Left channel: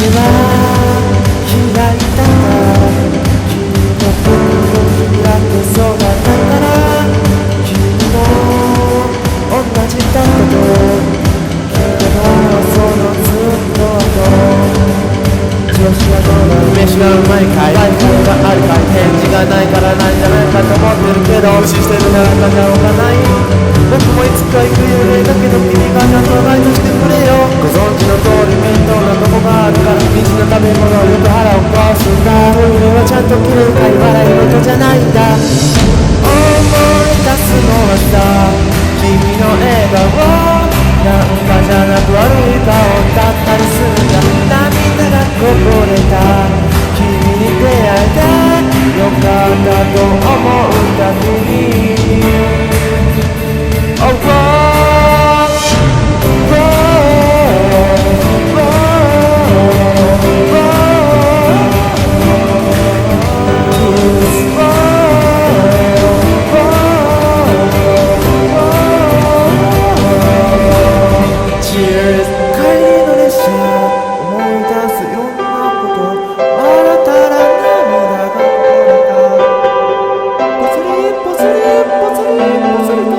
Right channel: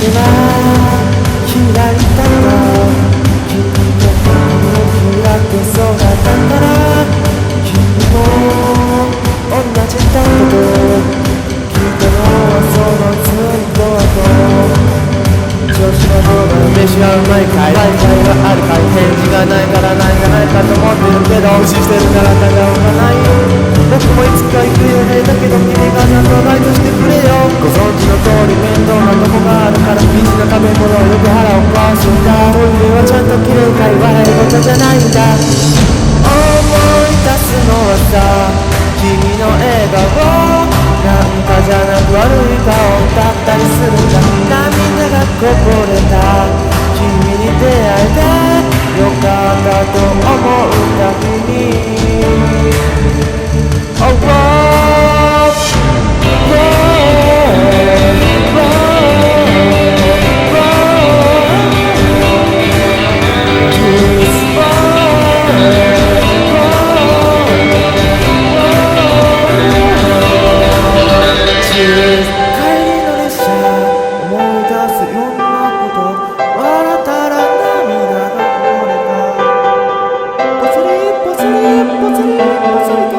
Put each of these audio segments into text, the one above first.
夢は開いたんだ。君の僕を開けそうだったから、君も同じだったと聞いたのはそのずっと後。調子はどうだい、飯はうまいかい、 Wi-Fi があるかい、返事がないからないんじゃないかと思ってるけど、無視してるならたじゃおかない。僕もいつか行くよね、だけど君がちゃんとバイトしてくれよ。ご存知の通り面倒なとこがあるから、ビジな食べ物はよく腹を壊すんだ。トイレはちゃんときれいかい、笑い事じゃないんだ。思い出すのはさ、君の笑顔なんかじゃなく悪い顔だったりするんだ。涙がこぼれた君に出会えてよかったと思うたびに、Oh, oh, oh, oh, Cheers 帰りの列車思い出すいろんなこと、笑ったら涙がこぼれた。ぽつりぽつりぽつりぽつりと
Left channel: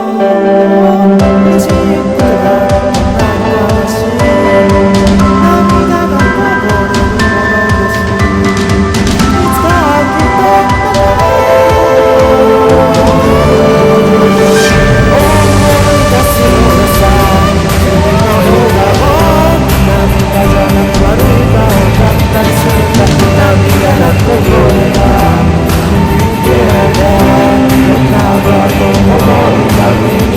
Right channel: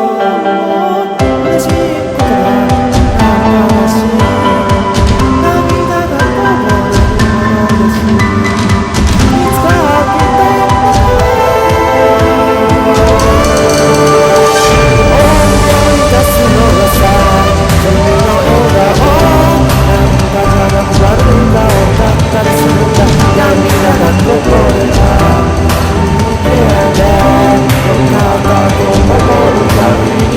嬉しいことがこんなに悲しい。涙がこぼれるほど嬉しい。いつかきっとまた思い出すのがさ、君の笑顔なんかじゃなく悪い顔だったりするんだ。涙がこぼれた君に出会えてよかったと思うたびに